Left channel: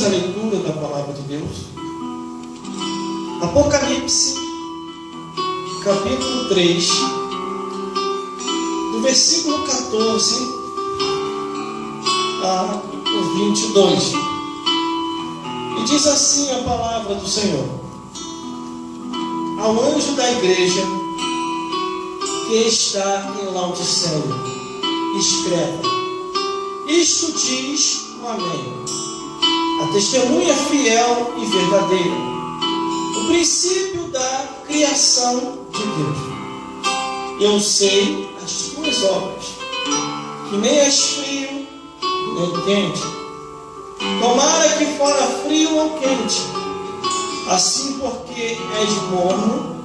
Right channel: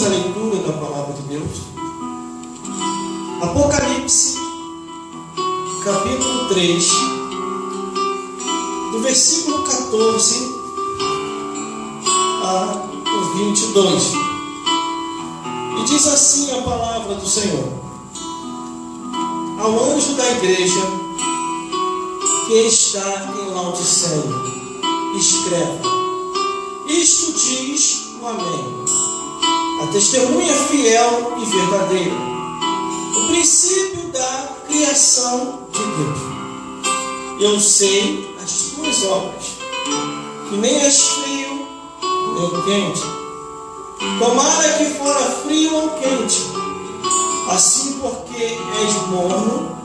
Vamos à leitura da palavra de Deus. Apocalipse, capítulo 3, do versículo 14 ao 22. E diz assim a palavra do Senhor: ao anjo da igreja que está em Laodiceia, escreve: isto diz o Amém, a testemunha fiel e verdadeira, o princípio da criação de Deus. Eu sei as tuas obras, que nem és frio nem quente. Tomara que fora frio ou quente, assim porque és morno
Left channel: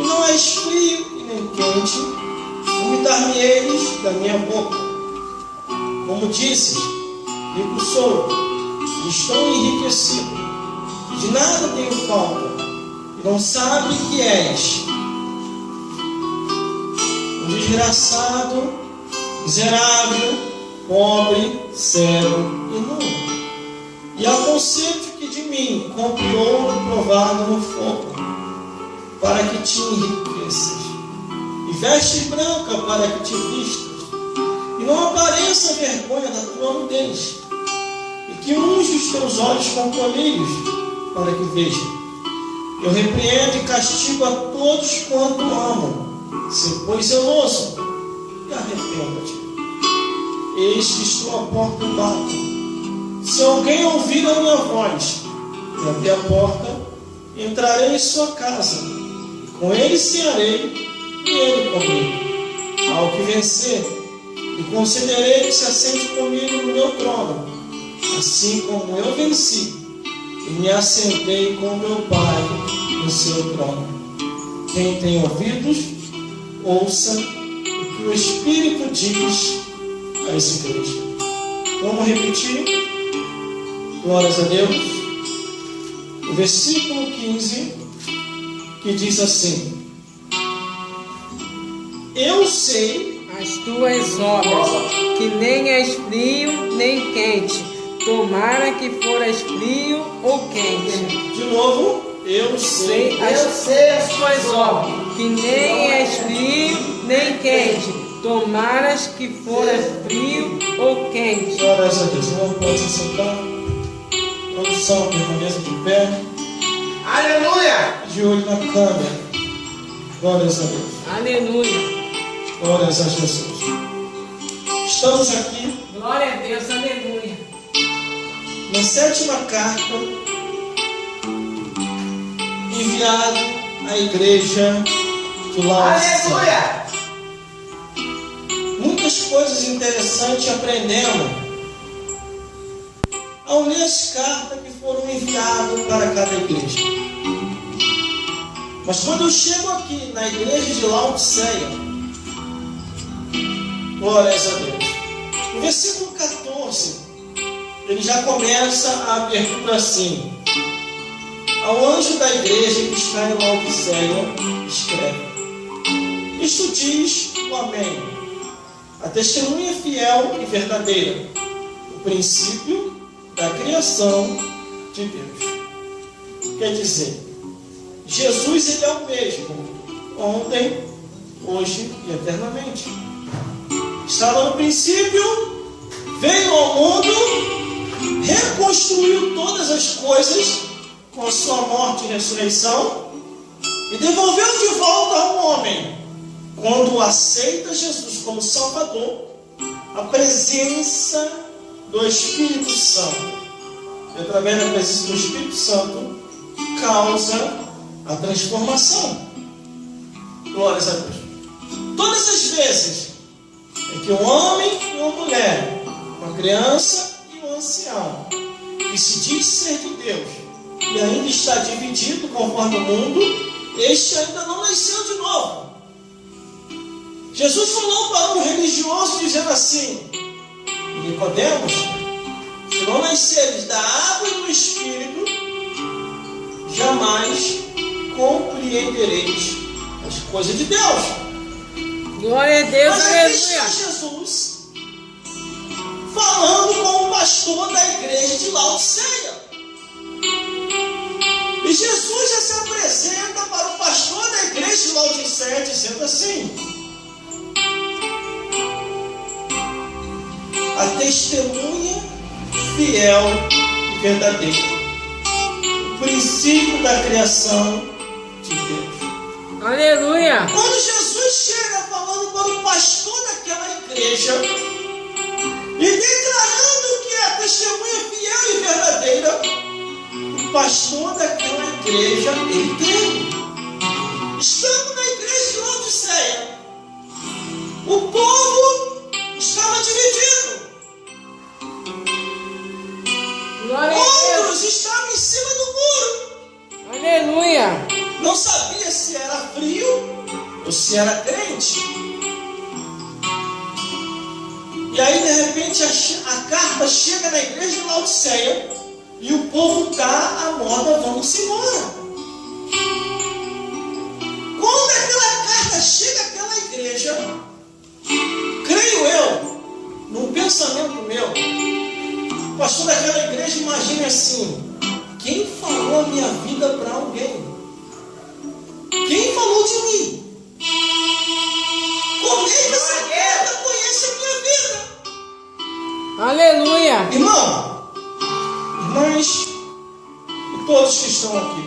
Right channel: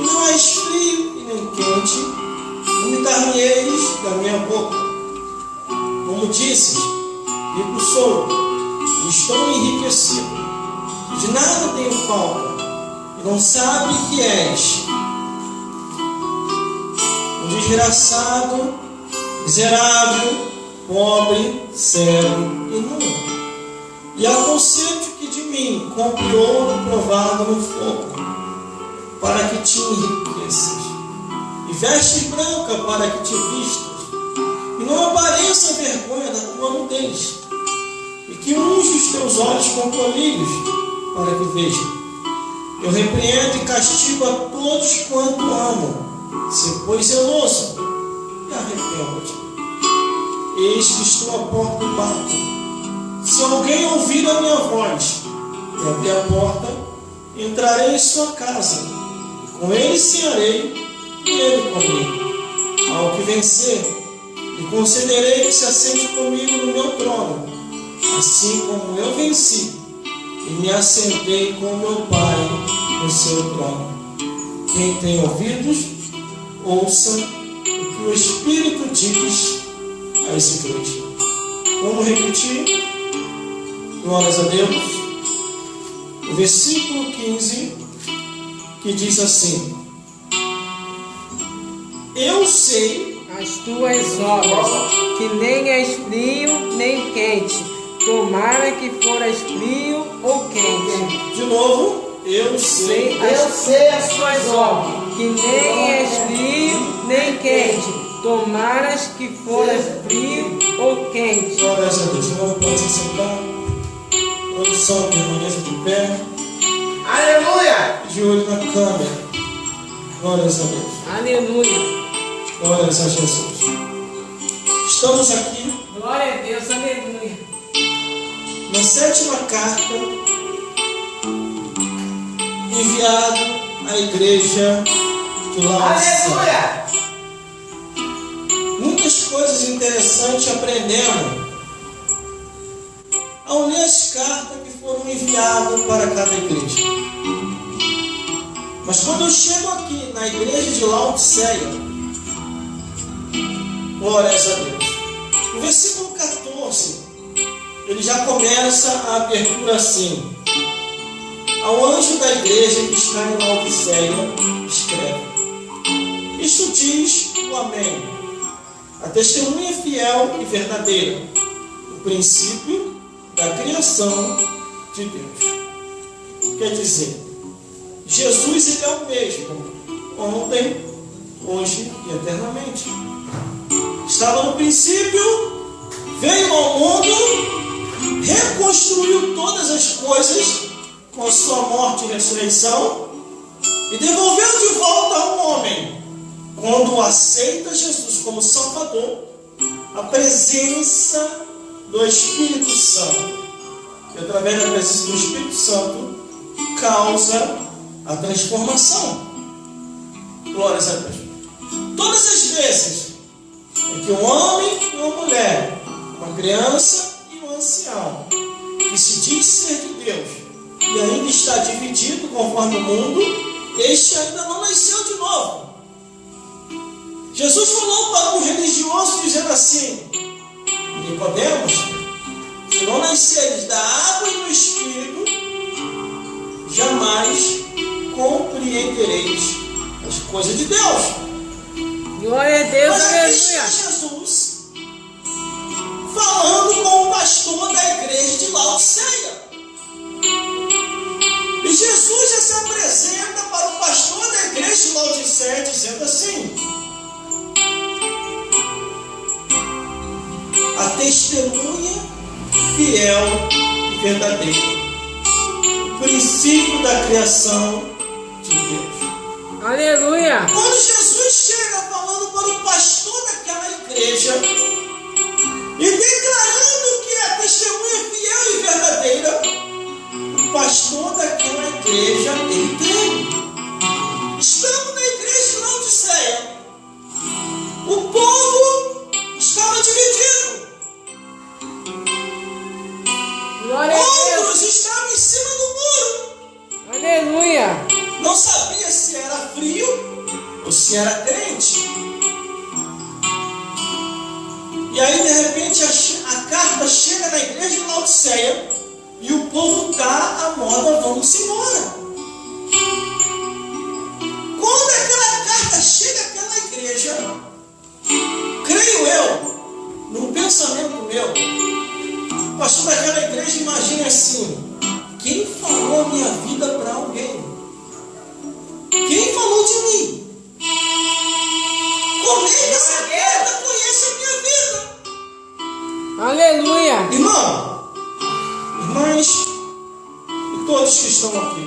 e não és frio e nem quente, vomitar-me-eis da minha boca. Como dizes, rico sou, e estou enriquecido, e de nada tenho falta, e não sabe que és um desgraçado, miserável, pobre, cego e nu. E aconselho que de mim compre ouro provado no fogo, para que te enriqueças, e vestes branca para que te vistas, e não apareça a vergonha da tua nudez, e que unge os teus olhos com colírios, para que vejam. Eu repreendo e castigo a todos quanto amo. Se pois zeloso, e arrependa-te. Eis que estou à porta e bato. Se alguém ouvir a minha voz e abrir a porta, entrarei em sua casa, e com ele cearei, e ele comigo. Ao que vencer, e concederei que se assente comigo no meu trono, assim como eu venci e me assentei com meu Pai no seu trono. Quem tem ouvidos, ouça o que o Espírito diz às igrejas. Vamos repetir? Glórias a Deus. O versículo 15, que diz assim: eu sei as tuas obras, que nem és frio nem quente. Tomara que foras frio ou quente. De novo, eu sei as tuas obras, que nem és frio nem quente. Tomaras que foras frio ou quente. Glórias a Deus. Não pode se sentar. Produção, permaneça de pé. Aleluia! De olho na câmera. Glórias a Deus. Aleluia! Glórias a Jesus. Estamos aqui. Glória a Deus, aleluia. Na 7ª carta enviado à igreja de Laodiceia. Aleluia! Muitas coisas interessantes aprendemos ao ler as cartas que foram enviadas para cada igreja. Mas quando eu chego aqui na igreja de Laodiceia, glórias a Deus, no versículo 14, ele já começa a abertura assim: ao anjo da igreja que está em Laodiceia, escreve: isto diz o Amém, a testemunha fiel e verdadeira, o princípio da criação de Deus. Quer dizer, Jesus, ele é o mesmo ontem, hoje e eternamente. Estava no princípio, veio ao mundo, reconstruiu todas as coisas com a sua morte e ressurreição e devolveu de volta ao homem, quando aceita Jesus como Salvador, a presença do Espírito Santo. E através da presença do Espírito Santo causa a transformação. Glórias a Deus. Todas as vezes em que um homem e uma mulher, uma criança e um ancião, que se diz ser de Deus e ainda está dividido conforme o mundo, este ainda não nasceu de novo. Jesus falou para um religioso dizendo assim: Nicodemos, se não nasceres da água e do Espírito, jamais compreendereis as coisas de Deus. Glória a Deus, Mas aqui está Jesus falando com o pastor da igreja de Laodiceia. Laodiceia dizendo assim: a testemunha fiel e verdadeira, o princípio da criação de Deus. Aleluia. Quando Jesus chega falando para o pastor daquela igreja e declarando que é a testemunha fiel e verdadeira, o pastor daquela igreja, ele creu. Estamos na igreja de Laodiceia. O povo estava dividido. Glória a Deus. Outros estavam em cima do muro. Aleluia. Não sabia se era frio ou se era crente. E aí, de repente, a carta chega na igreja de Laodiceia e o povo está à moda, vamos embora. Quando aquela carta chega àquela igreja, creio eu, num pensamento meu, o pastor daquela igreja imagina assim: quem falou a minha vida para alguém? Quem falou de mim? Como é que essa carta conhece a minha vida? Aleluia. Irmão, irmãs e todos que estão aqui,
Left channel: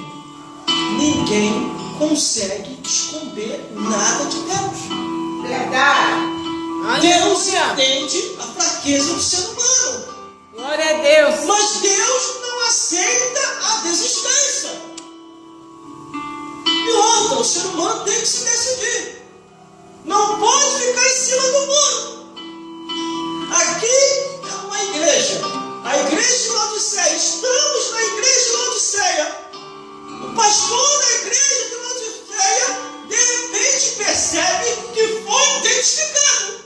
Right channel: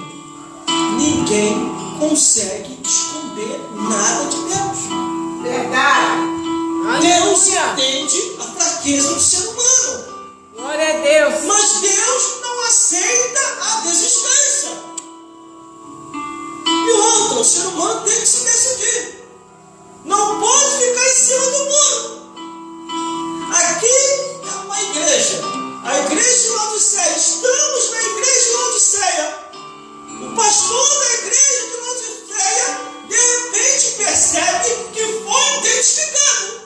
ninguém consegue esconder nada de Deus. Verdade. Deus Aleluia. entende a fraqueza do ser humano, Glória a Deus. mas Deus não aceita a desistência. E outra, o ser humano tem que se decidir. Não pode ficar em cima do muro. Aqui é uma igreja, a igreja de Laodiceia. Estamos na igreja de Laodiceia. O pastor da igreja de Laodiceia de repente percebe que foi identificado.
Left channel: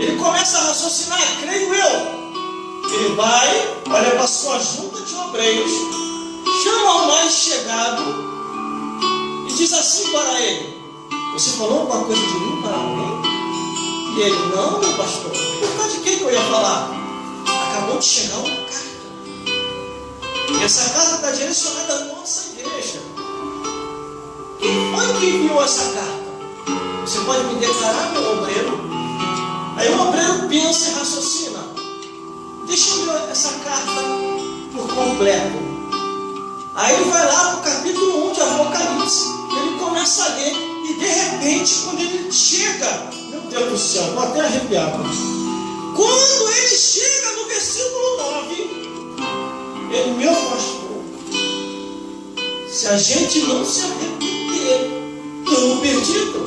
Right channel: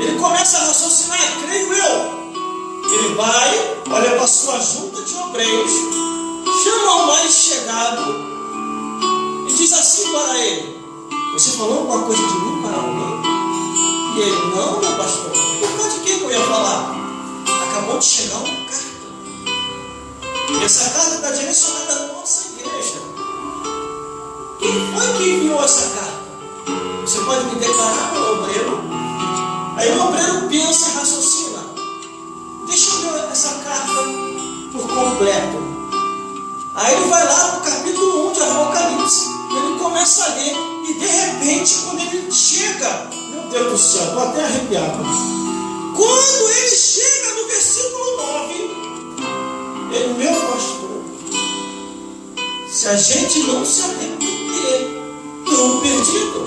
Ele começa a raciocinar, creio eu. Ele vai, olha para a sua junta de obreiros, chama o mais chegado e diz assim para ele: você falou alguma coisa de mim para alguém? E ele: não, meu pastor. Por causa de quem que eu ia falar? Acabou de chegar uma carta. E essa carta está direcionada à nossa igreja. Quem foi que enviou essa carta? Você pode me declarar, meu obreiro? Aí o obreiro pensa e raciocina: deixa eu ler essa carta por completo. Aí ele vai lá para o capítulo 1 de Apocalipse. Ele começa a ler e de repente, quando ele chega, meu Deus do céu, vou até arrepiar. Quando ele chega no versículo 9, ele: meu pastor, se a gente não se arrepender, estou perdido.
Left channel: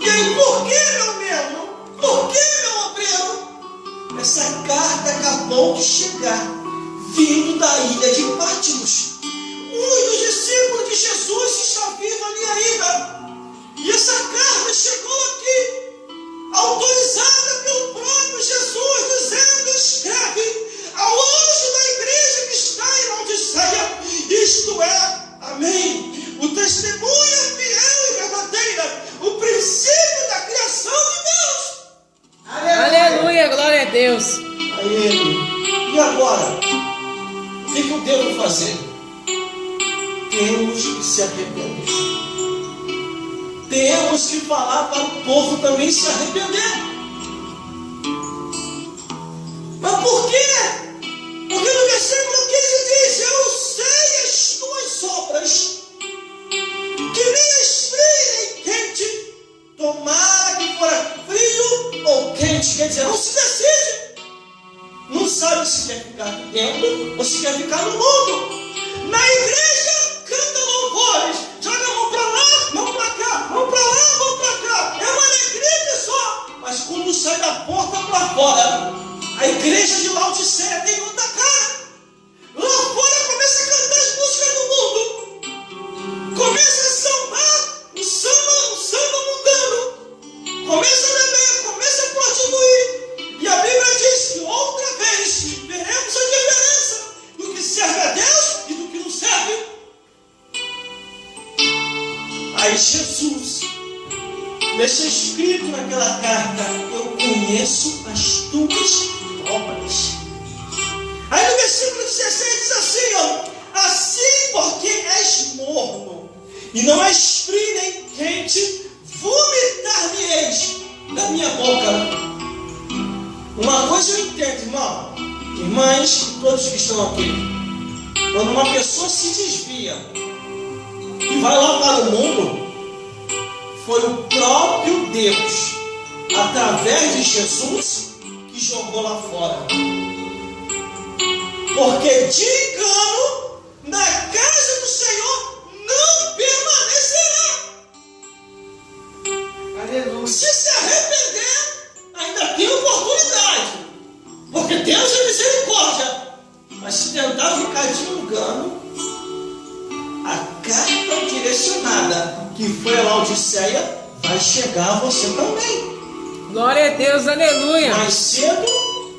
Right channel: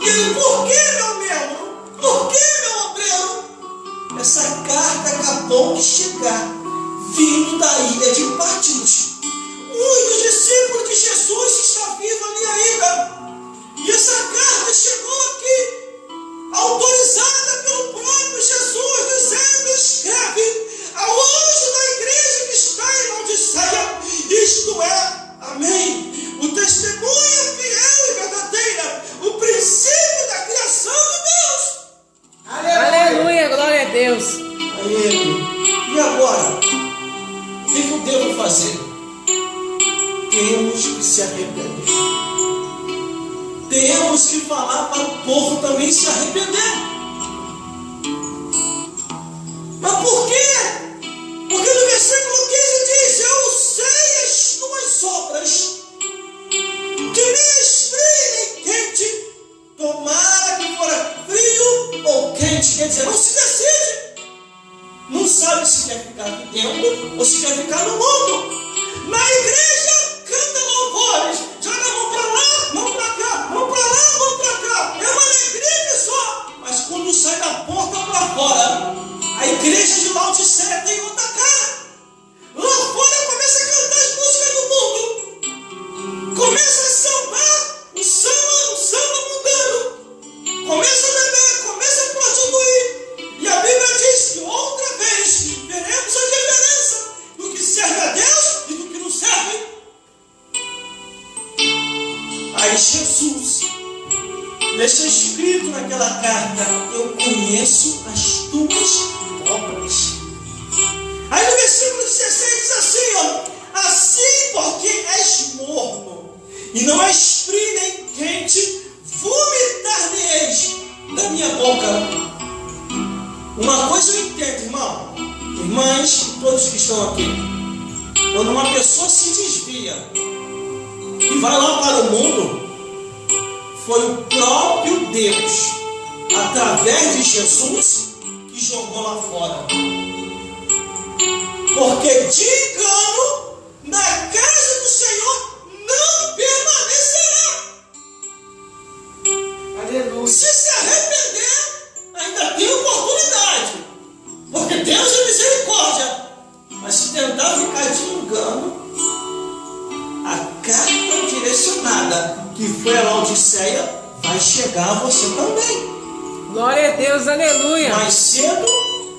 E aí, por que, meu membro? Por que, meu obreiro? Essa carta acabou de chegar, vindo da ilha de Patmos. Um dos discípulos de Jesus está vivo ali ainda. E essa carta chegou aqui, autorizada pelo próprio Jesus, dizendo: escreve ao anjo da igreja que está em Laodiceia, isto é, amém, o testemunha fiel e verdadeira, o princípio da criação de Deus. Aleluia. Glória a Deus. Aí ele: e agora? O que eu devo fazer? Temos que se arrepender. Temos que falar para o povo também se arrepender. Mas por quê? Porque no versículo 15 diz: eu sei as tuas obras, que nem és frio nem quente, tomara que fora frio ou quente. Quer dizer, não se decide. Não sabe se quer ficar aqui dentro ou se quer ficar no mundo. Na igreja, canta louvores, joga a mão para lá, mão para cá, mão para lá, mão para cá. É uma alegria só. Mas quando sai da porta para fora, a igreja de Laodiceia tem outra cara. Lá fora começa a cantar as músicas do mundo. Começa a sambar o samba mundano. Começa a beber, começa a prostituir. E a Bíblia diz que outra vez veremos a diferença do que serve a Deus e do que não serve. Aí Jesus deixa escrito naquela carta: eu conheço as tuas obras. Aí no versículo 16 diz assim, ó: assim porque és morno e não és frio nem todos que estão aqui. Quando uma pessoa se desvia e vai lá para o mundo, foi o próprio Deus, através de Jesus, que jogou lá fora. Porque de engano, na casa do Senhor não permanecerá. Aleluia. Se arrepender, ainda tem oportunidade. Porque Deus é misericórdia. Mas se tentar ficar de engano, a carta direcionada que foi a Laodiceia vai chegar a você também. Glória a Deus, aleluia. Mais cedo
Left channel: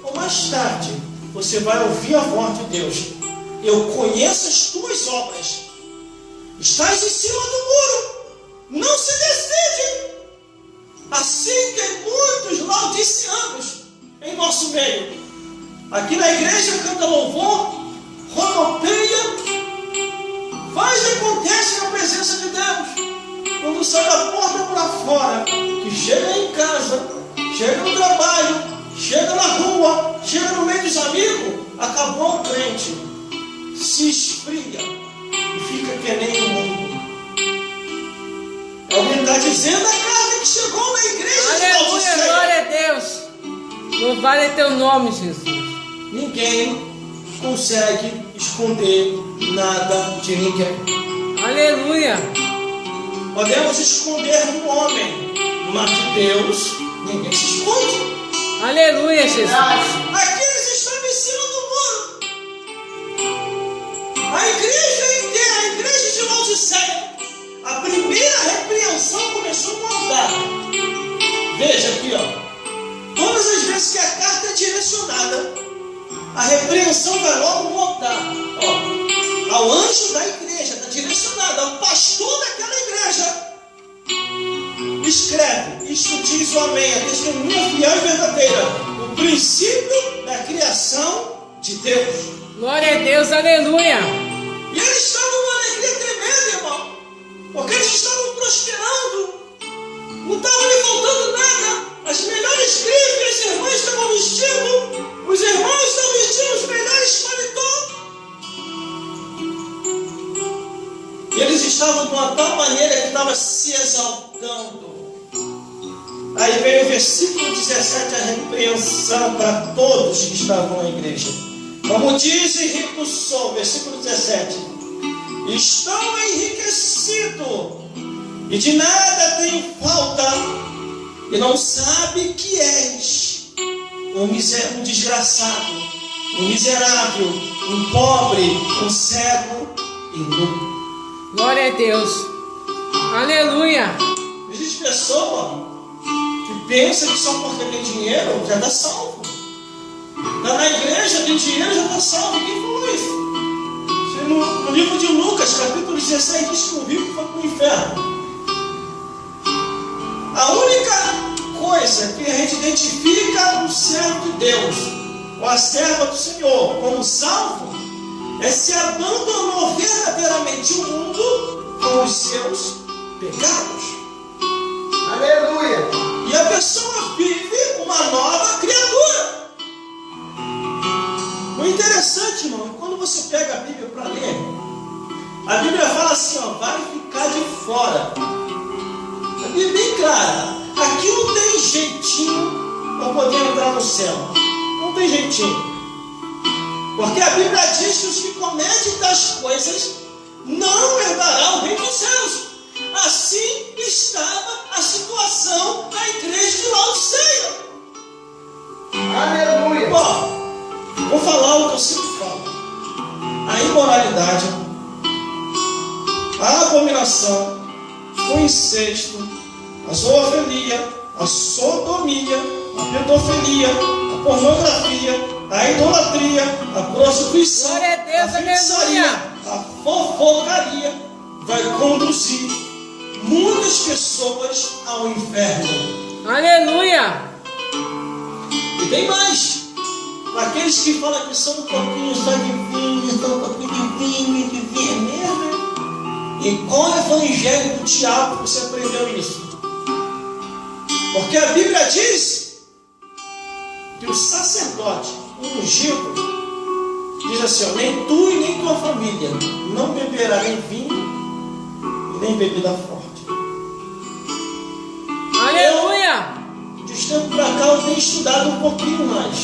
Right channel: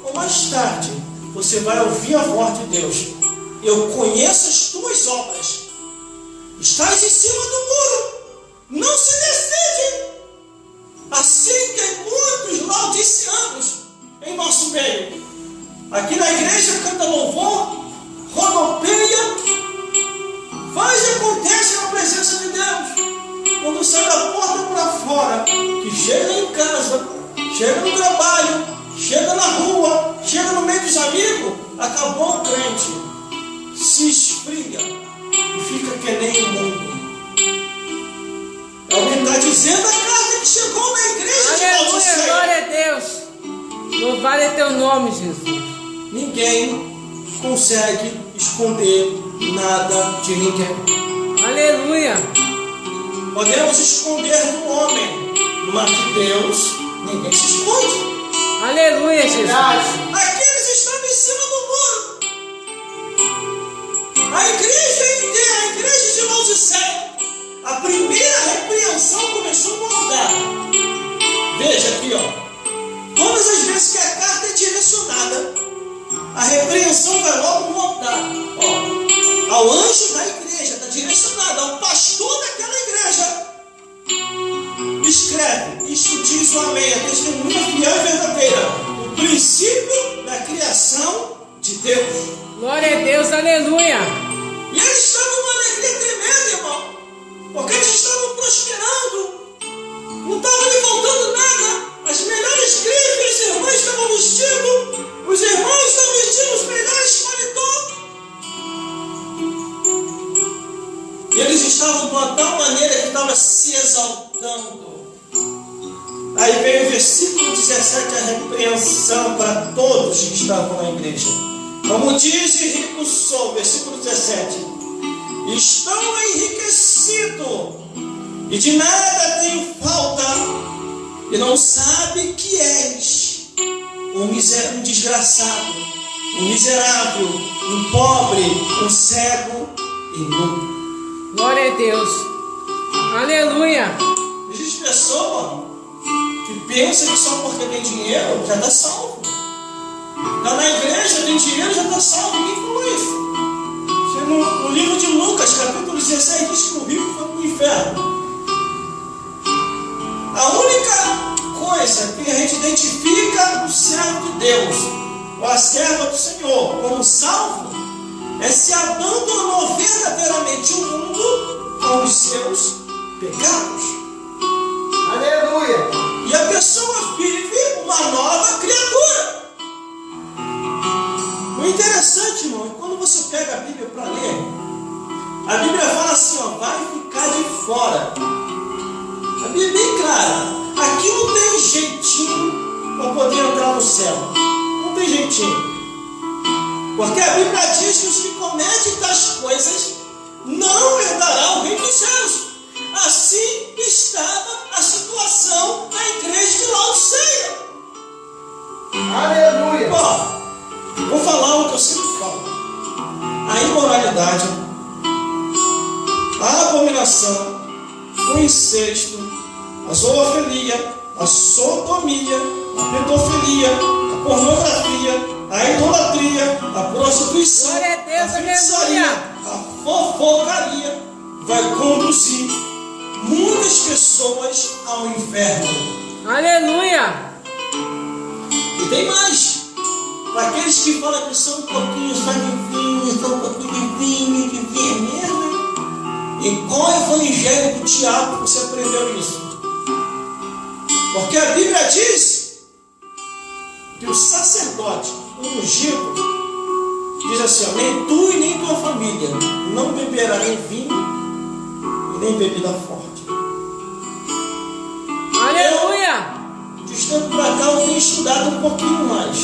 ou mais tarde, você vai ouvir a voz de Deus. Eu conheço as tuas obras. Estás em cima do muro. Não se decide. Assim tem muitos laodiceanos em nosso meio. Aqui na igreja canta louvor, rodopeia, faz e acontece na presença de Deus. Quando sai da porta para fora, que chega em casa, chega no trabalho, chega na rua, chega no meio dos amigos, acabou o crente, se esfria e fica que nem o mundo. É o que está dizendo a carta que chegou na igreja de Aleluia, Laodiceia. glória a Deus. Louvado é teu nome, Jesus. Ninguém consegue esconder nada de ninguém. Aleluia. Podemos esconder do homem, mas de Deus ninguém se esconde. Aleluia, Jesus. Aqui eles estavam em cima do muro. A igreja inteira, a igreja de Laodiceia, a primeira repreensão começou a mudar. Veja aqui, ó. Todas as vezes que a carta é direcionada, a repreensão vai logo voltar. Ó, ao anjo da igreja, está direcionada ao pastor daquela igreja. Escreve, isto diz o amém, a testemunha fiel e verdadeira, o princípio da criação de Deus. Glória a Deus, aleluia. E eles estavam numa alegria tremenda, irmão, porque eles estavam prosperando, não estava lhe faltando nada. As melhores grifes, as irmãs estavam vestindo, os irmãos estavam vestindo os melhores paletós. E eles estavam de uma tal maneira que estava se exaltando. Aí vem o versículo 17, a repreensão para todos que estavam na igreja. Como diz Henrique Sou, versículo 17: estão enriquecidos e de nada tenho falta, e não sabe que és um desgraçado, um miserável, um pobre, um cego e nu. Glória a Deus. Aleluia. Existe pessoa que pensa que só porque tem dinheiro já está salvo. Está na igreja, tem dinheiro, já está salvo. Quem falou isso? No livro de Lucas, capítulo 16, diz que o rico foi para o inferno. A única coisa que a gente identifica o servo de Deus, ou a serva do Senhor, como salvo, é se abandonou verdadeiramente o mundo com os seus pecados. Aleluia. E a pessoa vive uma nova criatura. O interessante, irmão, é quando você pega a Bíblia para ler, a Bíblia fala assim, ó, vai ficar de fora. A Bíblia é bem clara. Aqui não tem jeitinho para poder entrar no céu. Não tem jeitinho. Porque a Bíblia diz que os que cometem tais coisas não herdarão o reino dos céus. Assim estava a situação da igreja de Laodiceia. Aleluia. Ó, vou falar o que eu sempre falo. A imoralidade, a abominação, o incesto, a zoofilia, a sodomia, a pedofilia, a pornografia, a idolatria, a prostituição, Glória a Deus, a feitiçaria, aleluia. a fofocaria vai conduzir muitas pessoas ao inferno. Aleluia. E tem mais. Para aqueles que falam que são um pouquinho só de vinho, são um pouquinho de vinho mesmo. Em qual evangelho do diabo você aprendeu isso? Porque a Bíblia diz que o sacerdote ungido assim, ó, nem tu e nem tua família não beberá nem vinho e nem bebida forte. Aleluia! De uns tempos para cá eu tenho estudado um pouquinho mais.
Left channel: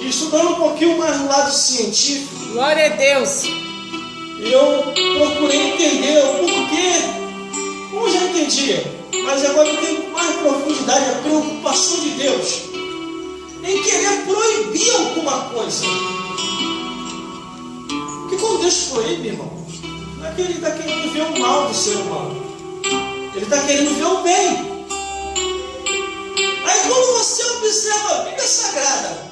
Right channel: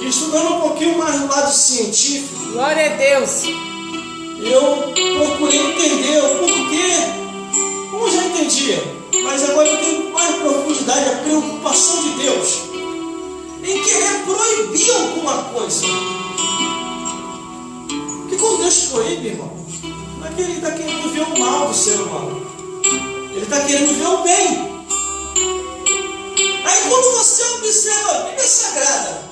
E estudando um pouquinho mais no lado científico, Glória a Deus! eu procurei entender o porquê. Como já entendia, mas agora eu tenho com mais profundidade a preocupação de Deus em querer proibir alguma coisa. Porque quando Deus proíbe, irmão, não é que Ele está querendo ver o mal do ser humano. Ele está querendo ver o bem. Aí quando você observa a Bíblia Sagrada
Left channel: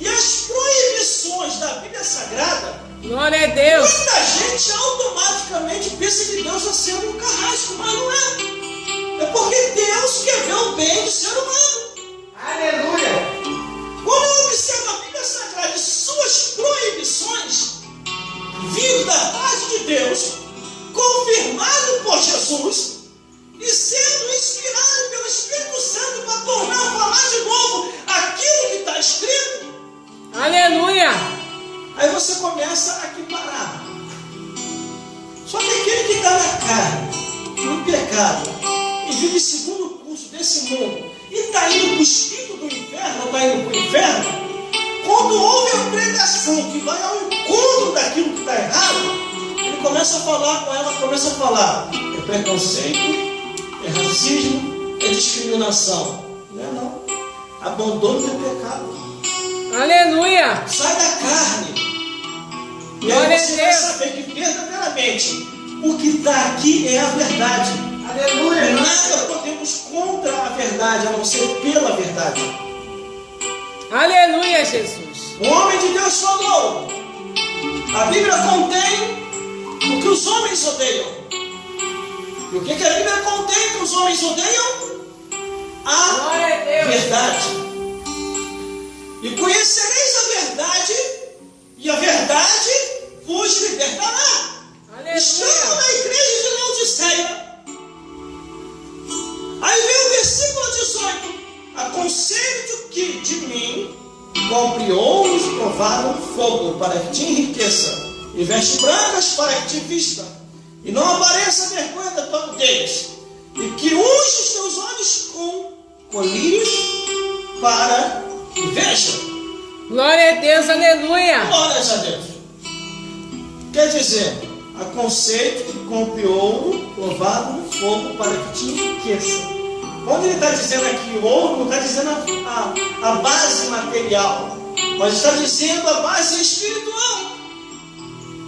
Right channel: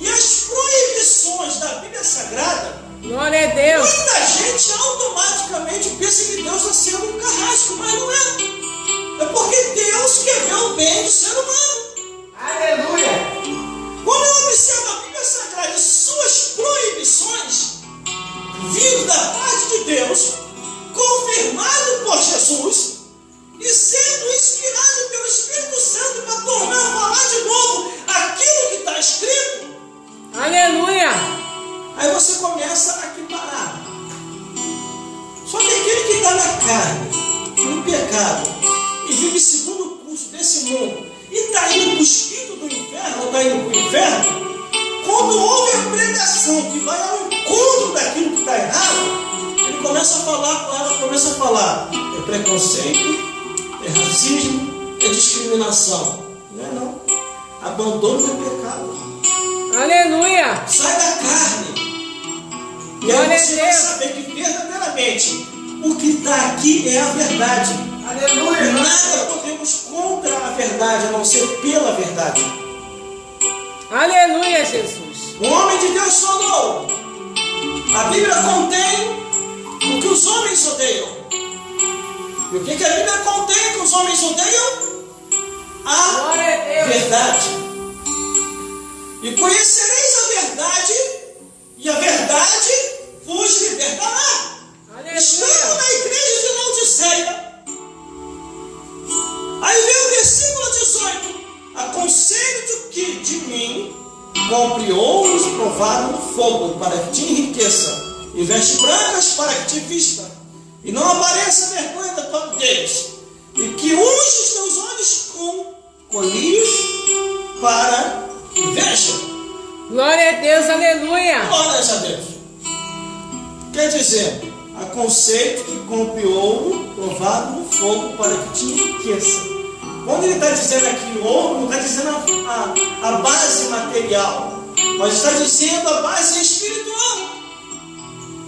e as proibições da Bíblia Sagrada, Glória a Deus! muita gente automaticamente pensa que Deus está sendo um carrasco, mas não é. É porque Deus quer ver o bem do ser humano. Aleluia! Quando eu observo a Bíblia Sagrada e suas proibições, vindo da parte de Deus, confirmado por Jesus e sendo inspirado pelo Espírito Santo para tornar a falar de novo aquilo que está escrito, Aleluia! aí você começa a equiparar. Só que aquele que está na carne, no pecado, e vive segundo o curso desse mundo, e está indo para o espírito do inferno, ou está indo para o inferno, quando ouve a pregação que vai ao encontro daquilo que está errado, ele começa a falar com ela, começa a falar, é preconceito, é racismo, é discriminação. Não é não. Abandono do pecado. Aleluia! Sai da carne. E Glória aí você a vai Deus. saber que verdadeiramente o que está aqui é a verdade. Aleluia! Nada podemos contra a verdade, a não ser pela verdade. Aleluia, Jesus! O homem de Deus falou. A Bíblia contém o que os homens odeiam. E o que a Bíblia contém que os homens odeiam? A Glória a Deus! verdade. E conhecereis a verdade, e a verdade vos libertará. Estamos Aleluia! na igreja de Laodiceia. Aí vem o versículo 18. Aconselho-te que de mim compre ouros provados no fogo, para que te enriqueça, e vestes brancas para que te vista, e não apareça a vergonha da tua nudez, e que unge os teus olhos com colírios para que veja. Glória a Deus! Aleluia! Glórias a Deus. Quer dizer, aconselho que compre ouro provado no fogo para que te enriqueça. Quando ele está dizendo aqui ouro, não está dizendo a base material, mas está dizendo a base espiritual.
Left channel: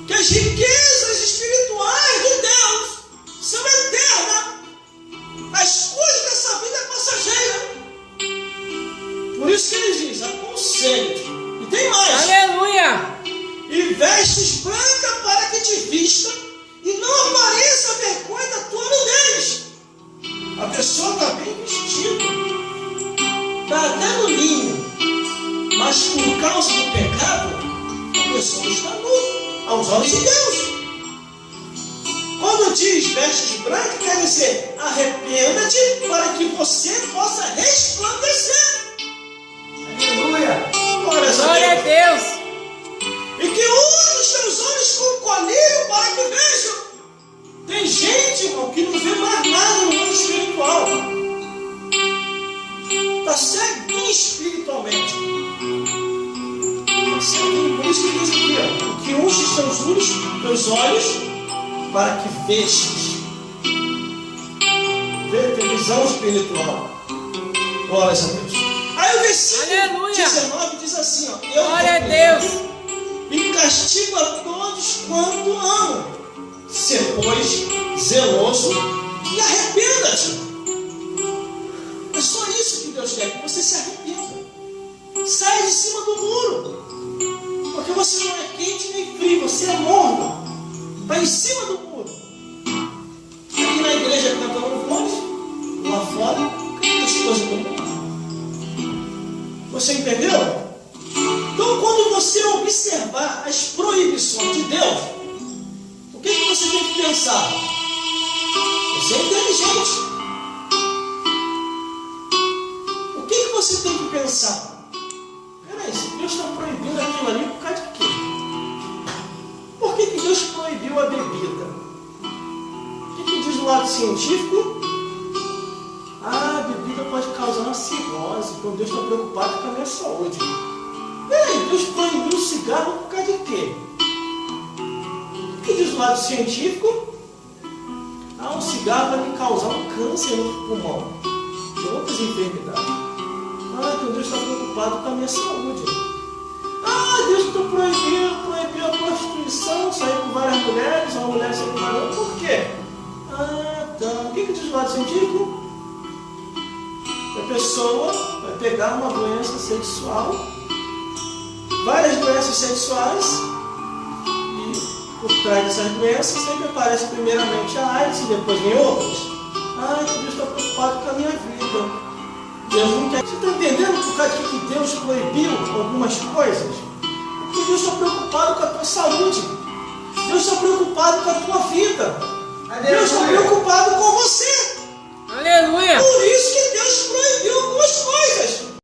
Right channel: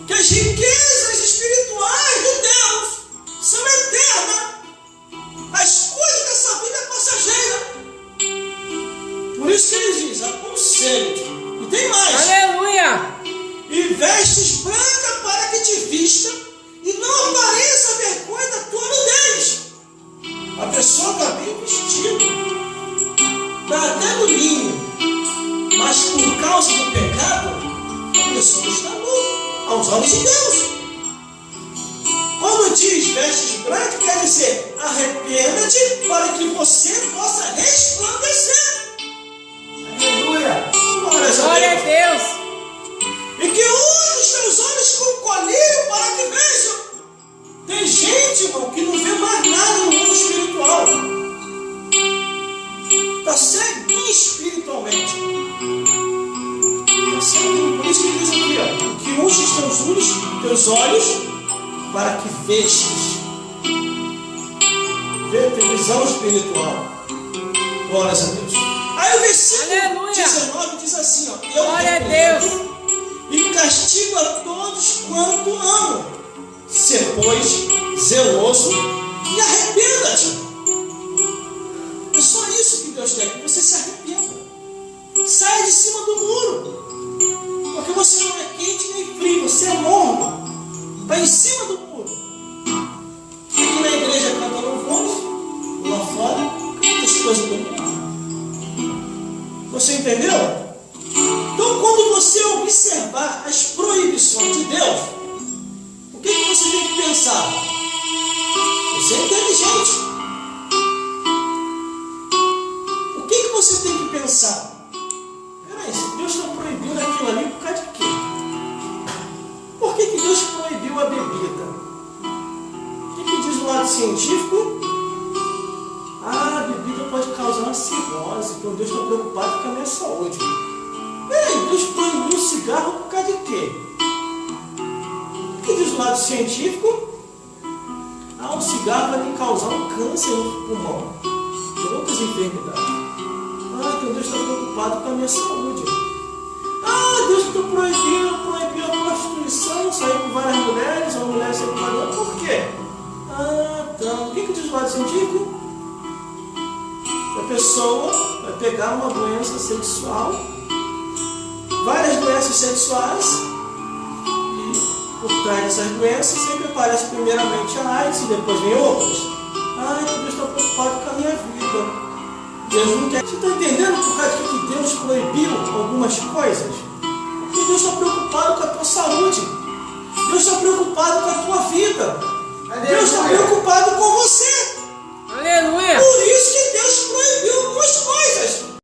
Que as riquezas espirituais de Deus são eternas. As coisas dessa vida é passageira. Por isso que ele diz, aconselho-te. E tem mais. Aleluia! E vestes branca para que te vista, e não apareça a vergonha da tua nudez. A pessoa está bem vestida, está até no linho, mas por causa do pecado, a pessoa está nua aos olhos de Deus. Quando diz vestes branca, quer dizer arrependa-te para que você possa resplandecer. Aleluia! Glórias a Glória a Deus! Deus! E que unge os teus olhos com colírio para que vejam. Tem gente, irmão, que não vê mais nada no mundo espiritual. Está ceguinho espiritualmente. Está ceguinho. Por isso que diz aqui, ó, que unge os teus olhos para que vejas. Tem visão espiritual. Glórias a Deus. Aí o versículo Aleluia. 19 diz assim, ó, eu Glória a repreendo Deus! e castigo a todos quanto amo. Se, pois, zeloso e arrependa-te. É só isso que Deus quer, que você se arrependa. Saia de cima do muro. Porque você não é quente nem frio, você é morno. Está em cima do muro. Aqui na igreja canta louvores, lá fora canta as coisas do mundo. Você entendeu? Então, quando você observar as proibições de Deus, o que você tem que pensar? Você é inteligente. O que você tem que pensar? Peraí, se Deus está proibindo aquilo ali, científico, a bebida pode causar uma cirrose, então Deus está preocupado com a minha saúde. Ei, Deus proibiu o cigarro por causa de quê? O que diz o lado científico? O cigarro vai me causar um câncer no pulmão e outras enfermidades. Então Deus está preocupado com a minha saúde. Deus proibiu a prostituição, sair com várias mulheres, uma mulher sair com várias mulheres. Por quê? O que diz o lado científico? A pessoa vai pegar uma doença sexual, várias doenças sexuais, e por trás dessas doenças sempre aparece primeiramente a AIDS e depois vem outras. Então Deus está preocupado com a minha vida. Deus não quer. Você está entendendo por causa de que Deus proibiu algumas coisas? Porque Deus está preocupado com a tua saúde. Deus está preocupado com a tua vida. Aleluia. Deus está preocupado com você. Aleluia. Por isso que Deus proibiu algumas coisas.